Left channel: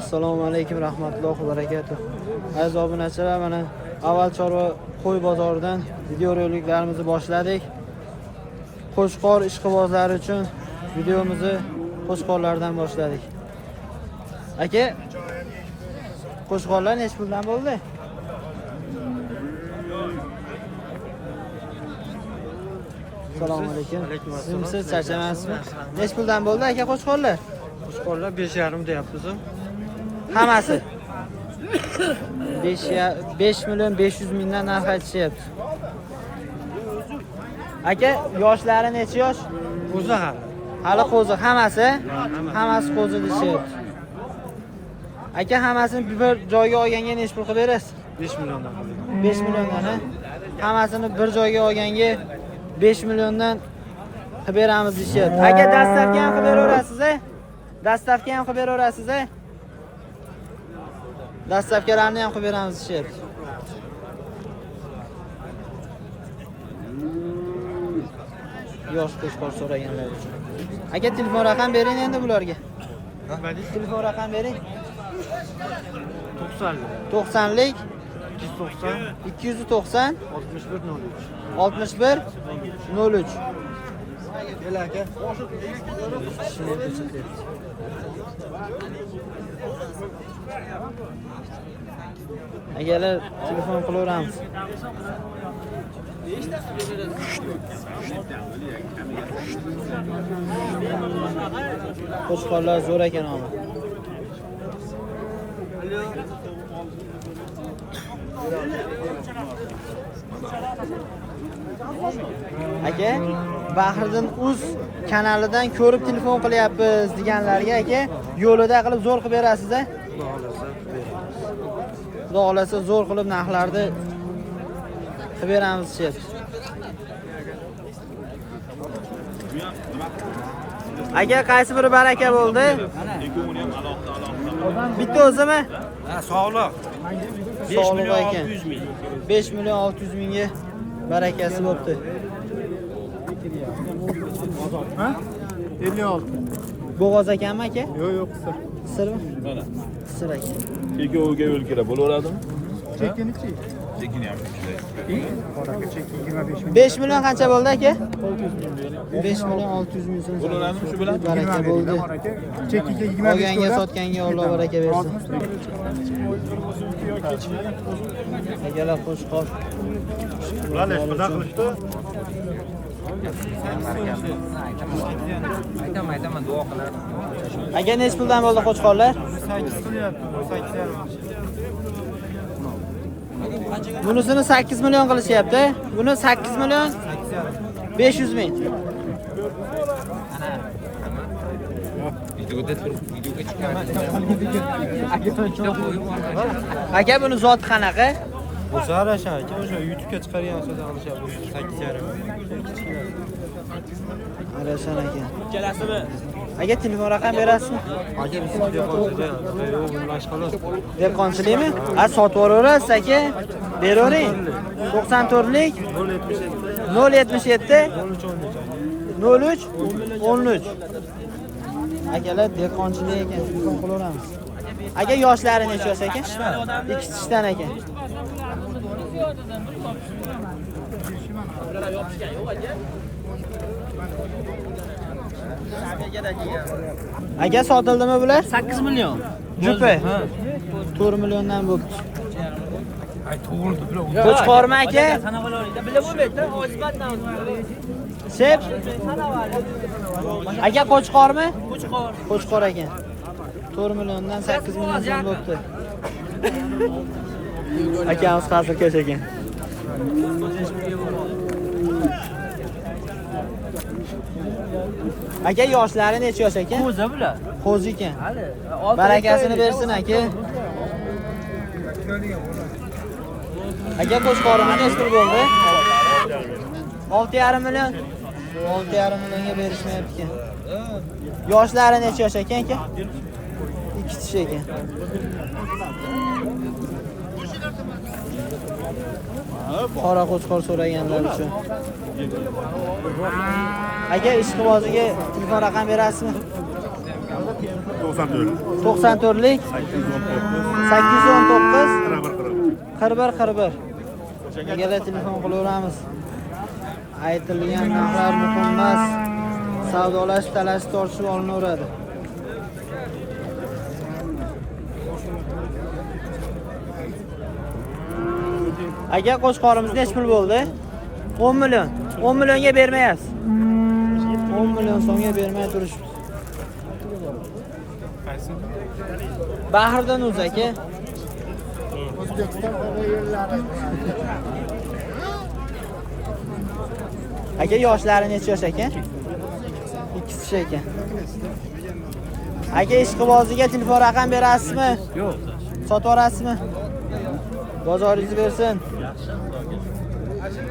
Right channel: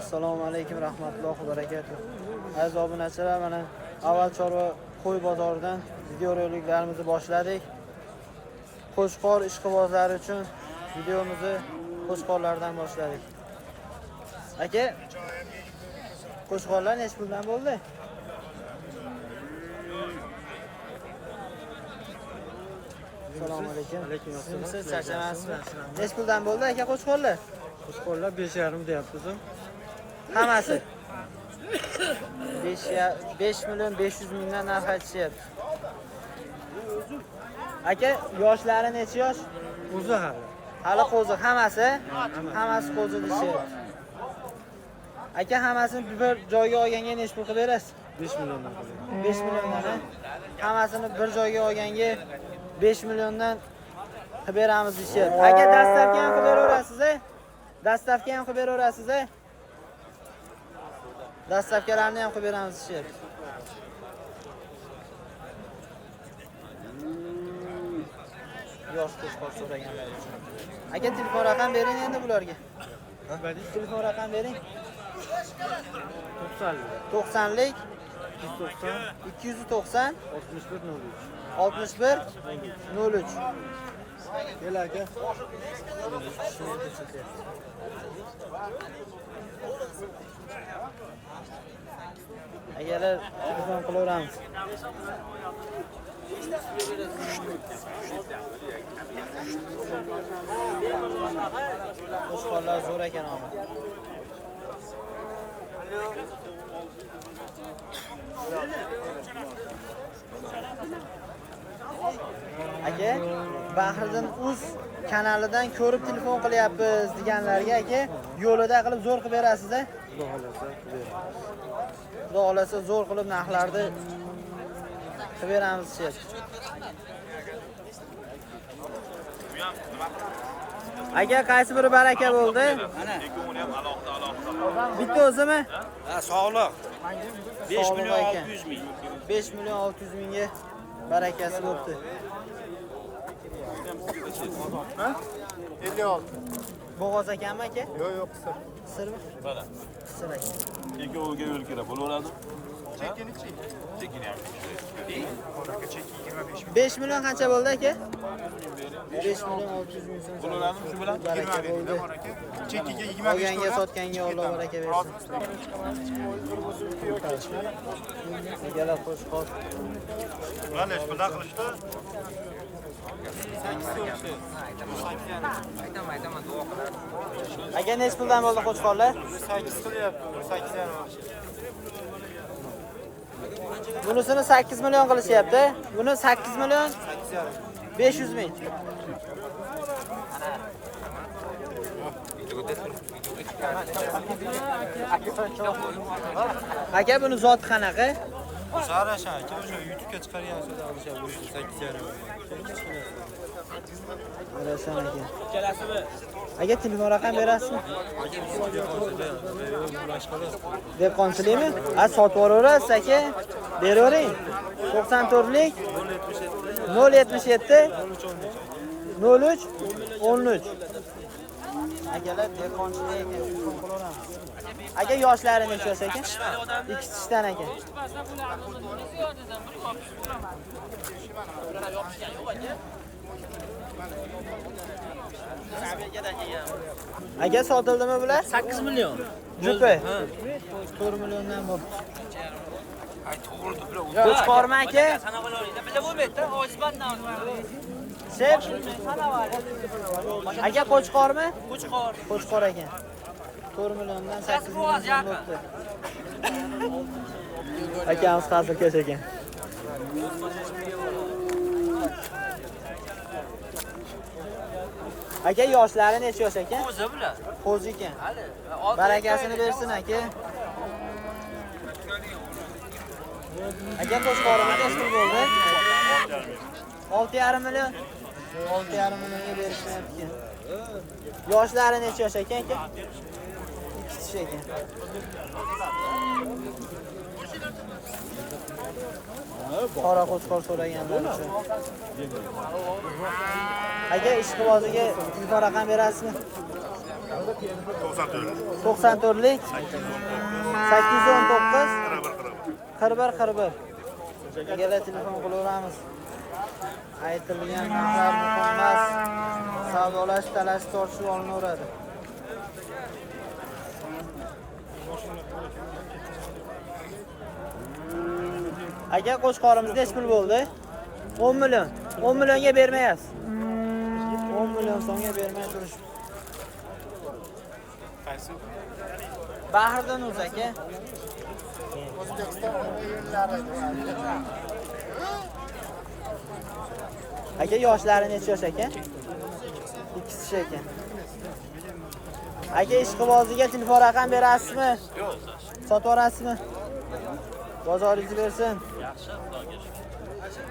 Assalomu alaykum rahmatullohi va barakatuh. Aziz obunachilar, mana avval chorva qo'y bozoridan videoroliklarimizni boshladik. Qo'shqor ishqibozlari uchun videomizni qo'shqorlardan boshladik. Aka, qo'shqorlar necha puldan bo'ldi? Assalomu alaykum. Siz charchamaysizmi? Necha puldan bo'ldi aka qo'shqorlar? Qo'shqorlar 5,5 deyapmiz. Hammasi 5 million 500 mingdan narx aytishyapti. Aka, yoshlari necha yosh? Qo'zi Hali qo'zi, hammasi qo'zi deyapti. Aka, hammasini bir joyga olganga necha pul qilib berasiz? 5 million. 5 milliondan. Hammasini bir joyga olganga 5 milliondan qilib beramiz deyapti. Aka, dastavka ham qilib beraverasiz-a? Dastavka ham qilib beraverasiz-a? Dastavkalarni ham qilib beramiz deyapti. Yosh qo'shqor so'raganlar uchun. Aka, telefon raqam bering endi bularga. Telefon raqam bering. 90lik 290 61 03. Agalar telefon qilaveramiz. Qo'shqorlar zo'r ekan ama. Aka, Bahriddin Uz kanalidan ko'rib telefon qilyapmiz deganlarga aka, yo'lida qilib zo'r qilib berasiz-a? Xudo xolasa zo'r qilib narxlarni qilib beramiz deyapti. Aka, qaysi biri baraka bo'ldi? Bitta o'zimi? Ha, sog'liq. 5 million 600 ming. 5 million 600 mingga barakasi bo'pti. Ha? 56. Bo'g'oz ekanmi aka? Yo'q, qisir. Qisirmi? Mana. Qisir aka. Cheki o'lga o'lkira bo'laveradimi? Chekinichi? Chekini ham. 5 million qancha bo'ldi aka? 5 million 600 ming so'm. Bo'laveradimi shu bilan? 20 beringlar bor aka. Chekiga 25 to'la. Sotganga Alloh baraka bersin. Akalar qo'shqor. Ular necha puldan qilishdi? Aytaman, duo qilar. Aka, necha puldan bo'ldi qo'shqorlar? 8 Bunisini 8 million qilishyapti. Buni 8 million 500 ming. Aka, buni zoti qanaqa? O'zar aka, o'sha YouTube'ga chiqargan so'zdan olishyapti. 8,5. Qarashan aka. Kelasizmi? Aka, telefon raqam berasizmi? Aka, bizga dehqonchilik. Dehqonchilikmi? Ha, sotib olaverasiz aka. Beravering. 94lik 077 03 13. Akalar dehqonchilik ekan, telefon qilaveramiz. Aka, yoshlari necha yosh ekan? 2 ekan. Aka, sotildimi bular? 8 million. Jupi. 4 milliondan bo'ldi. Ay, to'g'ri, to'g'ri. Qo'chqormi aka? Sana qo'ylaydi. Bila bo'lmaydi, ojizbatdan o'zi. Sep. Aka, qo'chqormi? Qo'chqor. Qo'chqor ekan. 4 milliondan 8 million bo'ldi. Akamiz hozir ko'ch ekan. Aka, yoshlari necha yosh ekan? Qo'zi bular. Qo'zi ekan. Barakasini bersin aka. Aka, qo'shqorimi necha pul bo'ldi? 6,5 million. 6,5 millionga berishmayapti ekan. Yoshlari necha yosh ekan aka? 2 ekan. Qora qo'chqor so'raganlar uchun. Aka, ishqimoziga telefon raqam berasizmi? 94. 94lik 819. 819 41 41. Egalar telefon qilaveramiz. Aytilgan narxlar muhim emas. Savdolash, talash, tortishib olinaveradi. Aka qo'shqorimiz necha pul bo'ldi? 10 million. 10 millionga bermayapsiz. 10 million so'mga bermay turishibsiz. Bahridan o'z aka. O'zbekiston havo yo'llari. Aka yoshlari necha yosh aka? 2 kishi aka. Aka ishqiboziga telefon raqam berasizmi? Yo'q. Sotib yuborasizmi? Bozoringiz bersin.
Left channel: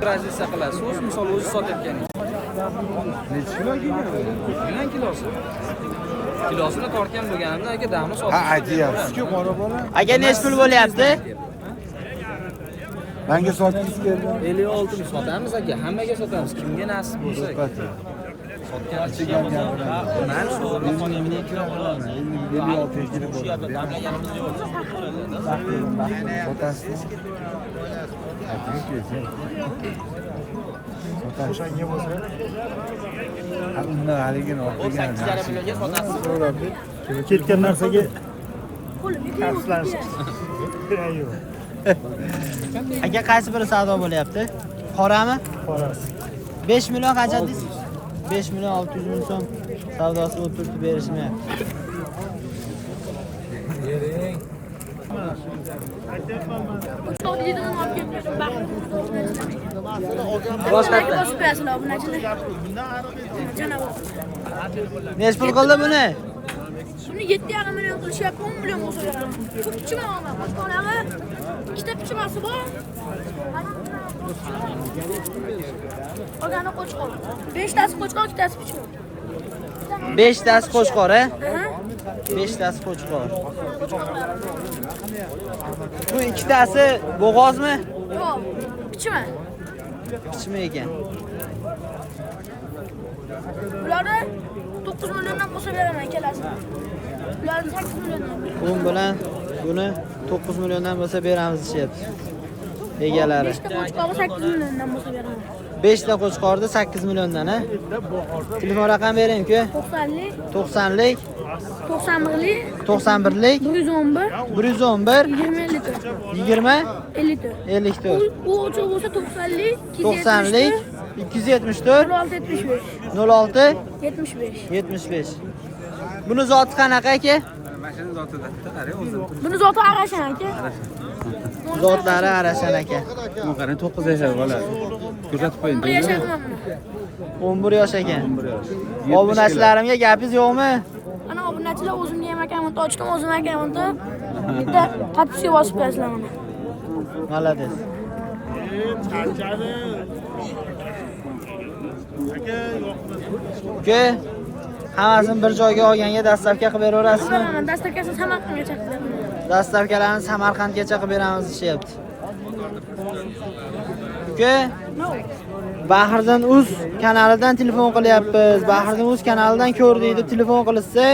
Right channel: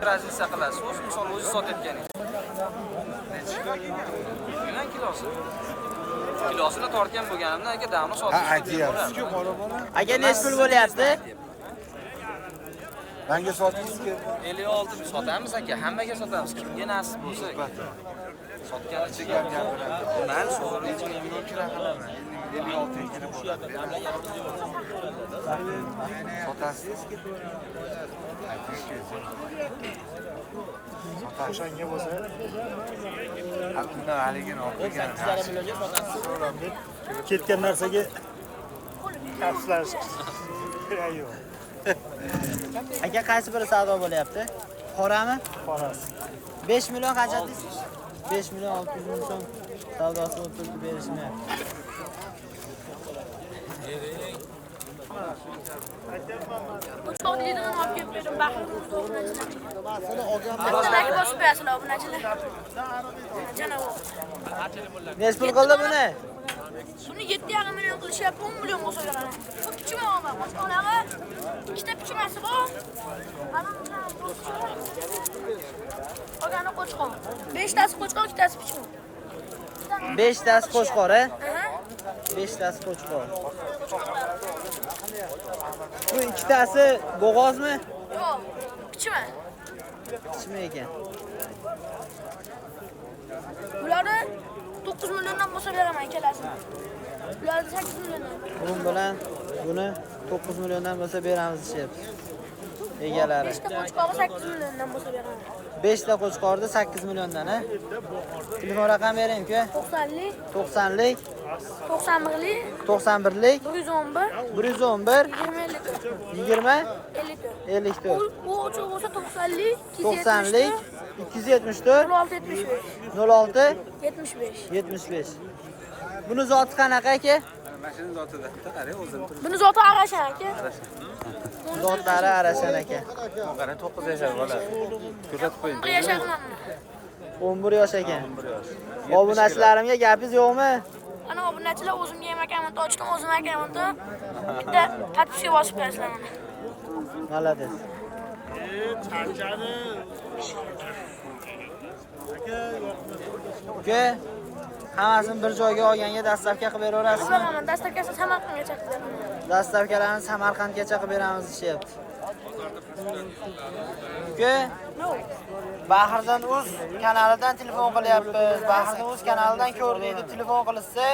Razisa qilasiz. O'z misol o'zi sotayotgan. Necha kilo kelgan? Nima kilosi? Kilosini tortgan bo'lganimda aka damni sotib. Ha, aytyapsiz-ku, qora bola. Aka necha pul bo'lyapti? Menga sotdingiz keldi. 56 ni sotamiz aka. Hammaga sotamiz. Kimga nasib bo'lsa. Sotgan Ichiga ham gapiramiz. 50 million kira qilaman. 56 ga kirib bo'ladi. Berasizmi? Sotasizmi? Ayting-ku. Sotasiz. Ha, undan haligini olib kelganim yaxshi ekan. So'rab ketgan narsaga Aka qaysi biri savdo bo'lyapti? Qorami? Qorasi. 5 million qancha deysiz? 5 million 600 ming so'm savdosi o'tirib berishni. Necha pul qildi buni? Buni 7,5 million qilishyapti, 10 million bo'lsa beradi. Shu pichima olma, boshqalari ikkita pichimasi bor. Qolgani qo'chqor. 5 tasi qo'chqor, 2 tasi pichima. 5 tasi qo'chqor, a? Aha. 5 tasi qo'chqor. Bu ikkitasi bo'g'ozmi? Yo'q, pichima. Pichma ekan. Bularni 9 milliondan qo'shib beraman kelasi. Bularni 8 milliondan. Bu bilan buni 9 milliondan bo'lsa beramiz deyapti. Egalari. 5 ta qo'chqori 8 milliondan bo'lsa beraman. 5 ta qo'chqorni 8 milliondan, a? Telefon raqam bering-ku. 90lik, 90lik, 91lik, 91lik, 111, 111, 20, 20, 54. 54. U ochiq bo'lsa 90lik, 90lik, 274, 06 06, 75. 75. Buni zoti qanaqa aka? Buni zoti arashan aka. Zotlari arashan aka. Qani 9 yashar bola. Kuzatib qo'ying. 11 yashadim men. 11 yosh ekan. Obunachilarimga gapingiz yo'qmi? Ana obunachilar o'zimga ham akkaunt ochdim, o'zim akkauntda bitta podpiska bosib qo'yasizlar mana. Malades. Ke hammasini bir joyga olganga dastavka qilib beraverasizmi? Dastavkasini Samarqandgacha qilib beraman. Dastavkalarni Samarqandgacha qilib beramiz deyapti. Ke Bahridan Uz kanalidan telefon qilyapmiz. Bahridan Uz kanalidan ko'rdik deb telefon qilsa,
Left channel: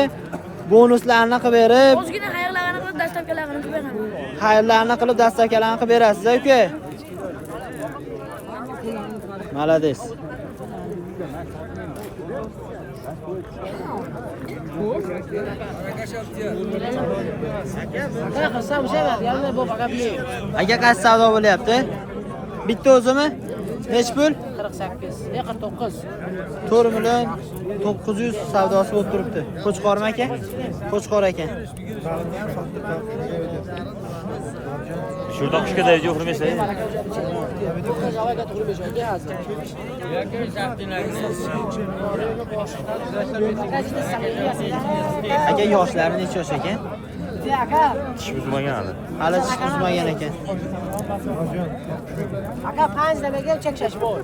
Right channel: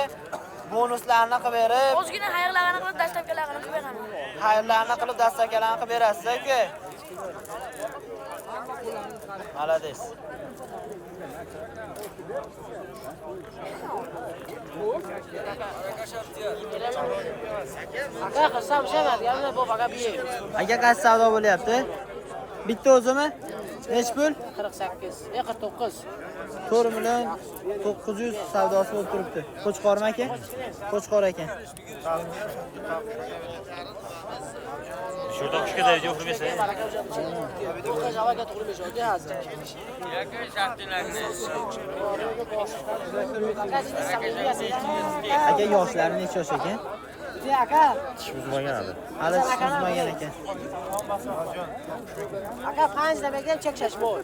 bonuslarni qilib berib, O'zgina xayrlarni qilib dastavkalarini qilib beraman. xayrlarni qilib dastavkalarni qilib berasiz, uka. Malades. Aka qaysi savdo bo'lyapti? Bitta o'zimi? Nech pul? 48, 49. 4 million 900 savdosi bo'lib turibdi. Qo'chqormi aka? Qo'chqor aka. Şuradan kuşka da ediyor hürmesi. Aka yoshlari necha yosh ekan? Tish buzmagan. Hali tish buzmagan ekan. Aka 5 nimaga chekshash bor?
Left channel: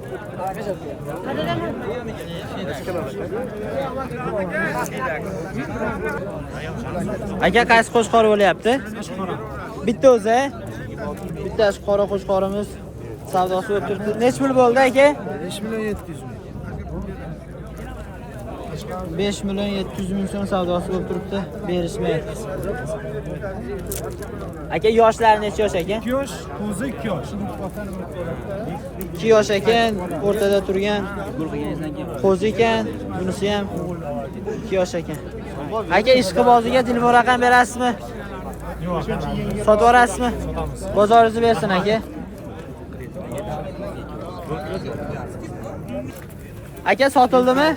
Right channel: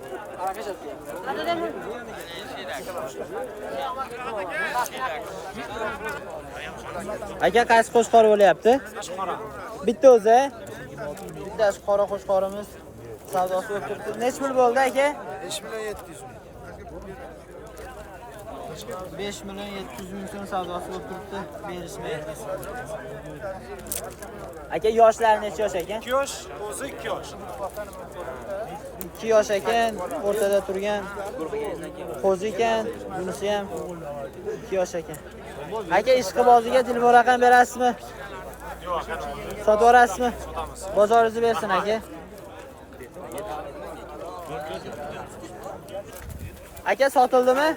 Aka qaysi qo'chqor bo'lyapti? Bitta o'zi. Bittasi qora qo'chqorimiz savdosi bo'lib turibdi. Nech pul bo'ldi aka? 5 million 700 ming. 5 million 700 ming so'm savdosi bo'lib turibdi. Berishmayapti. Aka yoshlari necha yosh aka? 2 yosh, qo'zi 2 yosh. 2 yosh ekan, o'rtada turgan qo'zi ekan, bunisi ham 2 yosh ekan. Aka ishqiboziga telefon raqam berasizmi? Yo'q. Sotib yuborasizmi? Bozoringizni bersin aka. Aka sotildimi?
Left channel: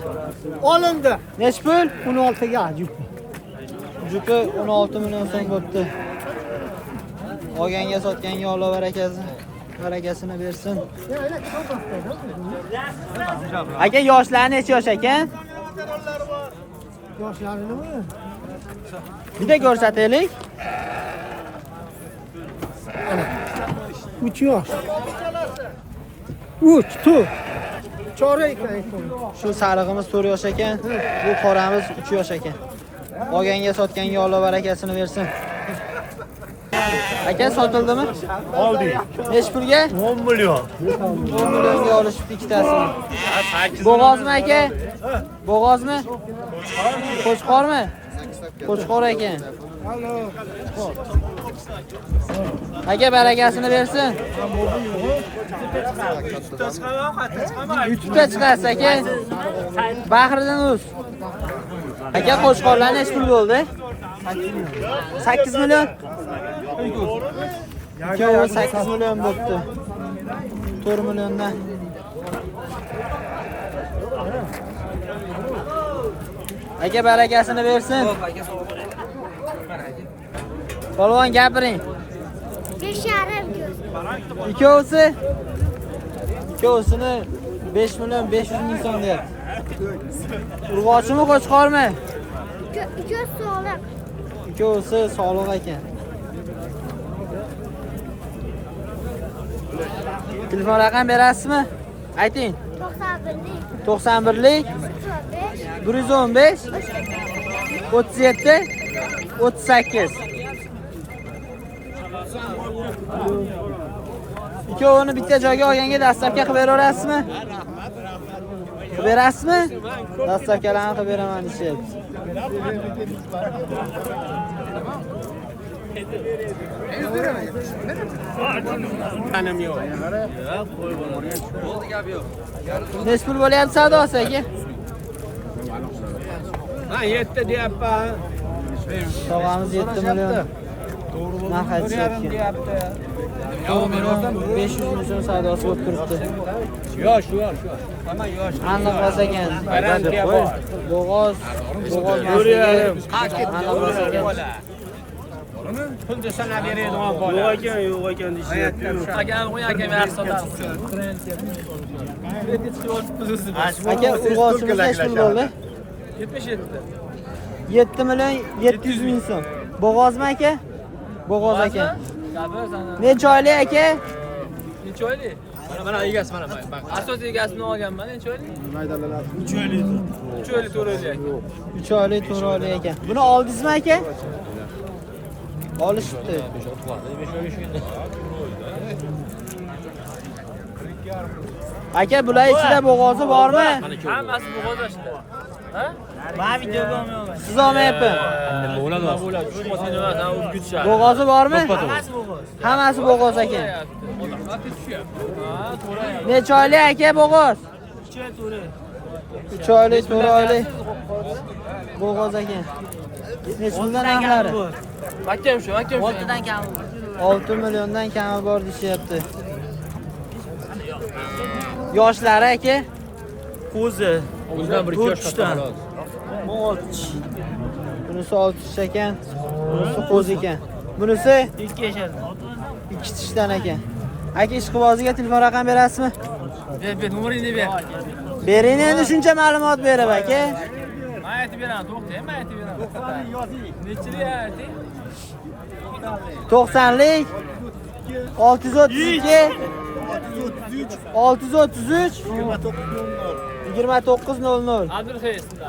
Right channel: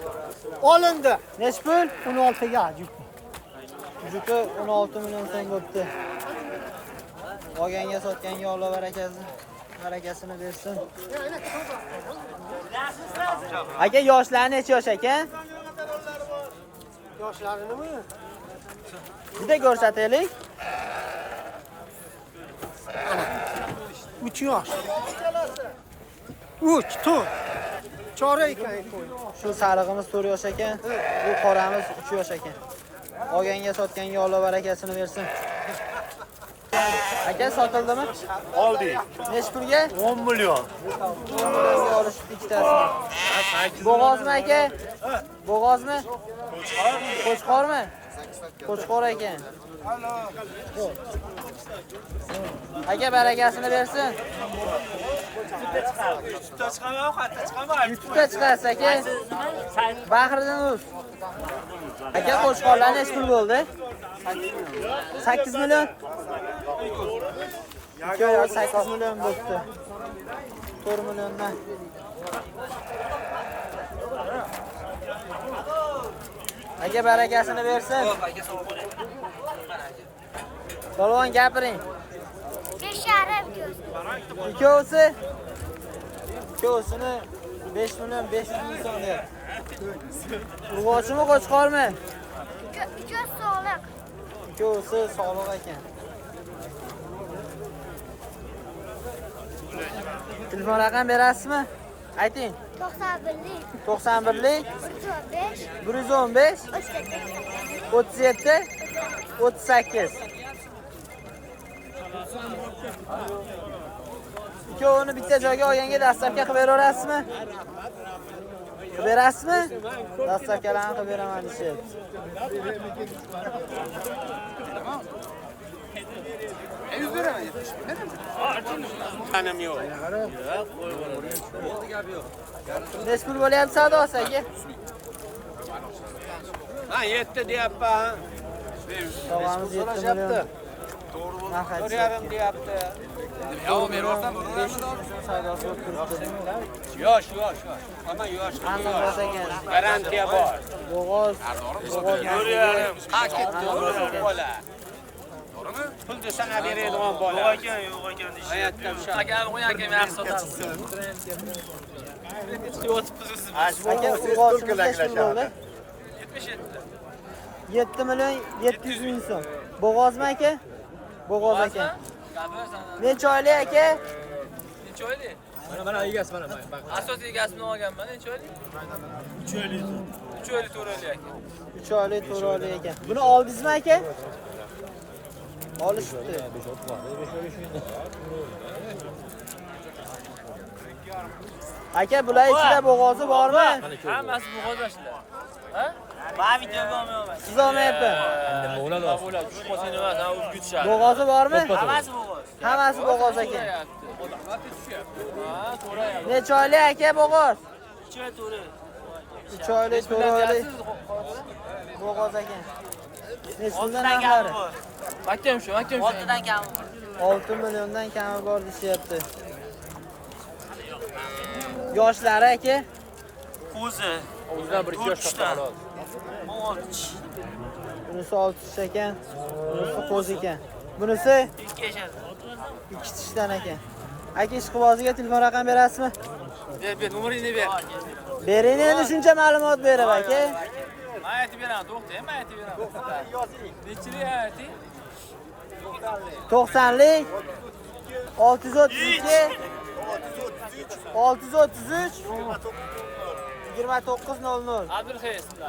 Olindi. Nech pul? 16 ga jupi. Jupi 16 million so'm bo'libdi. Olganga sotganga Alloh barakasini bersin. Aka yoshlari necha yosh ekan? Yoshlarni Bitta ko'rsataylik. 3 yosh. 3, 4. Chorak ekan. Shu sarig'imiz 4 yosh ekan, bu qoramiz 3 yosh ekan. Olganga sotganga Alloh barakasini bersin. Aka sotildimi? Oldik. Nech pulga? 10 million. 10 millionga olishibdi ikkitasini. Bo'g'ozmi aka? Bo'g'ozmi? Qo'chqormi? Qo'chqor ekan. Aka barakasini bersin. YouTube'da chiqasiz aka. Bahridan uz. Aka qo'chqorlar nech pul bo'ldi? 8 million. Ikkovi 8 million bo'libdi. 4 milliondan. Aka barakasini bersin. Polvon gapiring. 5,5 ko'z. Ikkovsini 5 million 500 ming so'm deyapti. Urg'ochimi qo'chqormi? Ko'z sog'liq. Ikkovsi sog'liq ekan. Telefon raqam berasizmi? Ayting. 91lik 115 37 38. Ikkovini bitta joyga olganga dastavka qilib beraverasizmi? Qilib berasizmi? Dastavkalarni qilib beraman deyapti. Nech pul bo'lyapti savdosi aka? 7 deyapman. Tog'amiz 7 million. Narx aytishyapti. 500 ming so'm savdosi bo'lib turibdi. Yosh. Hamma yosh. Aniq bas ekan. Aydan deb qo'y. Bo'g'oz. Ko'rarim. Pul desana beradigan bola. Yo'q ekan deyishyapti. Agar qo'y akam yaxshi sotasiz. Aka urg'ochimiz nech pul bo'ldi? 77. 7 million 700 ming so'm. Bo'g'ozmi aka? Bo'g'oz aka. Necha oylik aka? Necha oylik? Mana egasi mana. Asosiy egasini olganman. Necha oylik? 3 oylik. 3 oylik 4 oylik. 3 oylik 4 oylik ekan. Buni oldingizmi aka? Olishibdi. Aka bular ichida bo'g'ozi bormi? Hammasi bo'g'oz ichida. Ha? Siz olmayapti. Bo'g'ozi bormi? Hammasi bo'g'oz aka. Necha oylik aka bo'g'oz? 3 oylik, 4 oylik. Bo'g'oz aka. Necha puldan narxlari? Akam shu. 6dan kami bor. 6 milliondan kami bor deyapti. Yoshlari aka? Qo'zi. 4 dan. 6. Bunisi 6 ekan, bunisi qo'zi ekan. Bunisi 2 yashadi. 2 tishdan ekan. Aka ishqiboziga telefon raqam berasizmi? Ber, numaringni ber. Bering endi shuncha ma'lumot berib aka. Aytib beraman, to'xtang, aytib beraman. Nechili ayting? 90lik 632 633 2900. Adres esimlar.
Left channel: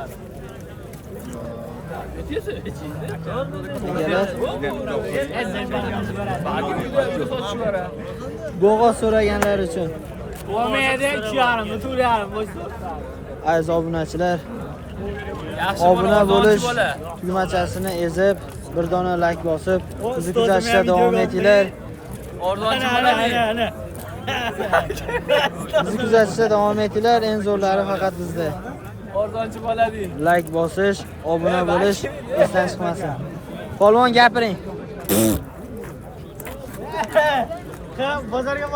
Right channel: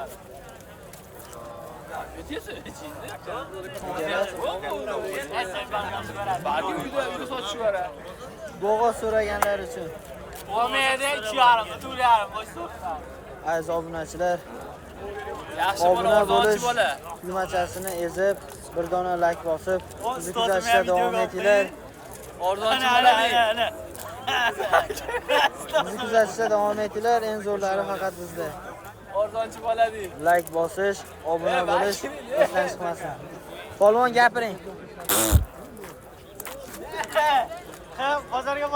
Bo'g'oz so'raganlar uchun. Olmaydi, 2,5 to'larim, bo'sh. Aziz obunachilar, obuna bo'lish tugmachasini ezib, bir dona like bosib, bizni kuzatishda davom etinglar. Ordonchi bo'ladi. Bizni kuzatishda davom etinglar. Eng zo'rlari faqat bizda. Ordonchi bo'ladi. Like bosish, obuna bo'lish esdan chiqmasin. Polvon gapiring. Bozorga